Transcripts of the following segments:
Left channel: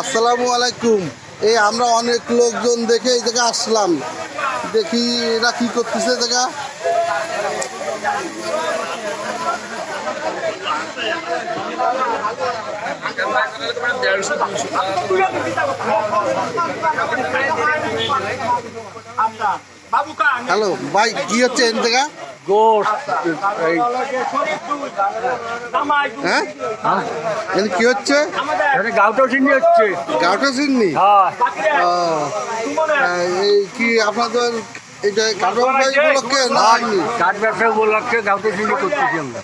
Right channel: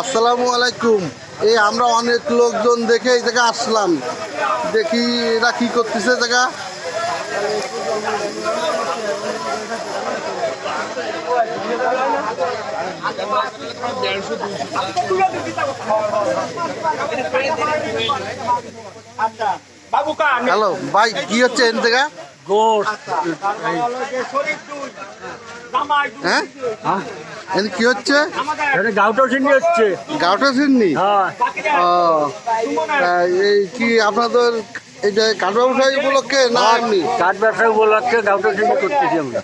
আসসালামু আলাইকুম। এই আমরা অনেক লোকজন দেখে এই জায়গায় আসলাম, দেখি এরা কি করতেছে জায়গা। হ্যালো ভাই, কি হচ্ছে এই জায়গা? হ্যাঁ, কি হচ্ছে? গাউটা চিনি হচ্ছে। গাউটা চিনি? এই কি আপনাদের এই যে কাঠ ব্যবসায়ী উপলক্ষে না এমনি? কাঠ ব্যবসা উপলক্ষে গাউটা চিনি করতেছি আমরা।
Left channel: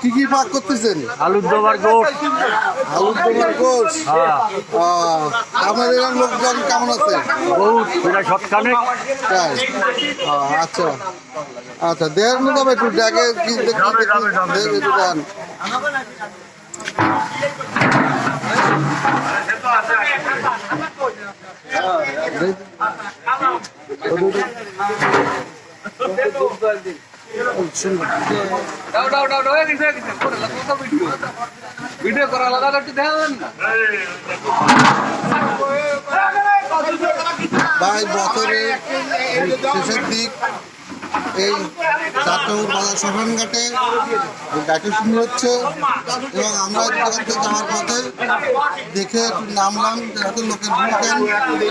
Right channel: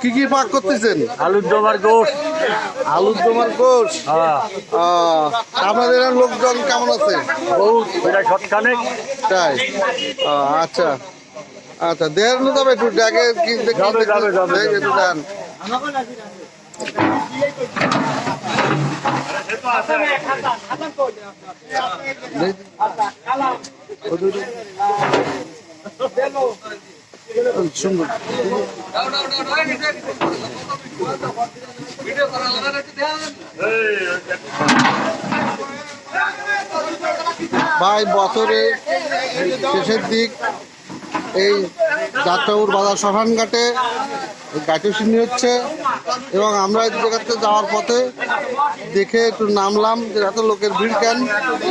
কি কি পাক করতেছেন? আলুর দমার গোশ। আলুর দমার গোশ? হ্যাঁ। আপনাদের লোকজন কেমন আছে? বহুত, প্রায় সৎখানেক। তাই? আচ্ছা আচ্ছা, দেন যাবে একটু দেখে কি একটু দেন। সুন্দর ভাই, বছরের শেষের দিক এই যাত্রাপুর বাজার শ্মশানঘাটে গাইতে শুনি হচ্ছে, এবং আমরা এই জায়গাতে যাওয়ার পথে দেখে একটু নামলাম যে এত লোকের ভিড় কেন,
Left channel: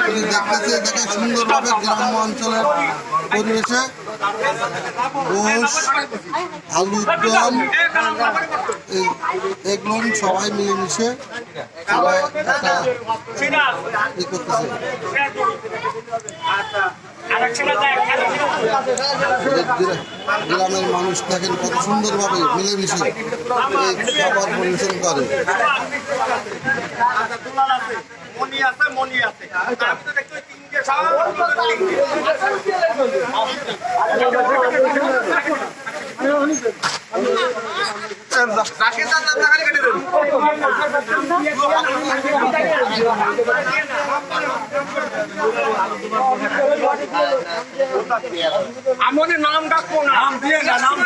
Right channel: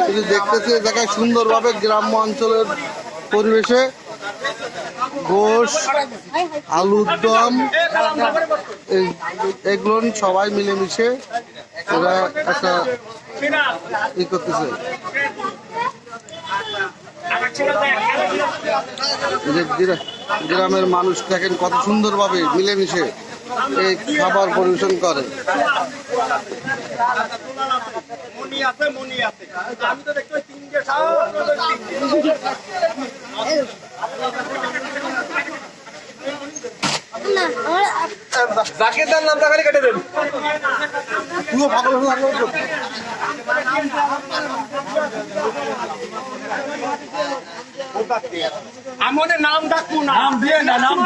কিন্তু দেখতেছি এই জায়গায় সুন্দরভাবে গ্রাম্য অঞ্চলের পরিবেশে গোশ, আলুর দম এগুলো সবাই মিলেমিশে এরা একটা ই করতেছে। গ্রামের মানুষ দেখেন কত সুন্দরভাবে মিলেমিশে এই খাবার পরিবেশন করে। আমাদের নাম ডাকুন, নাম দিয়ে না, নাম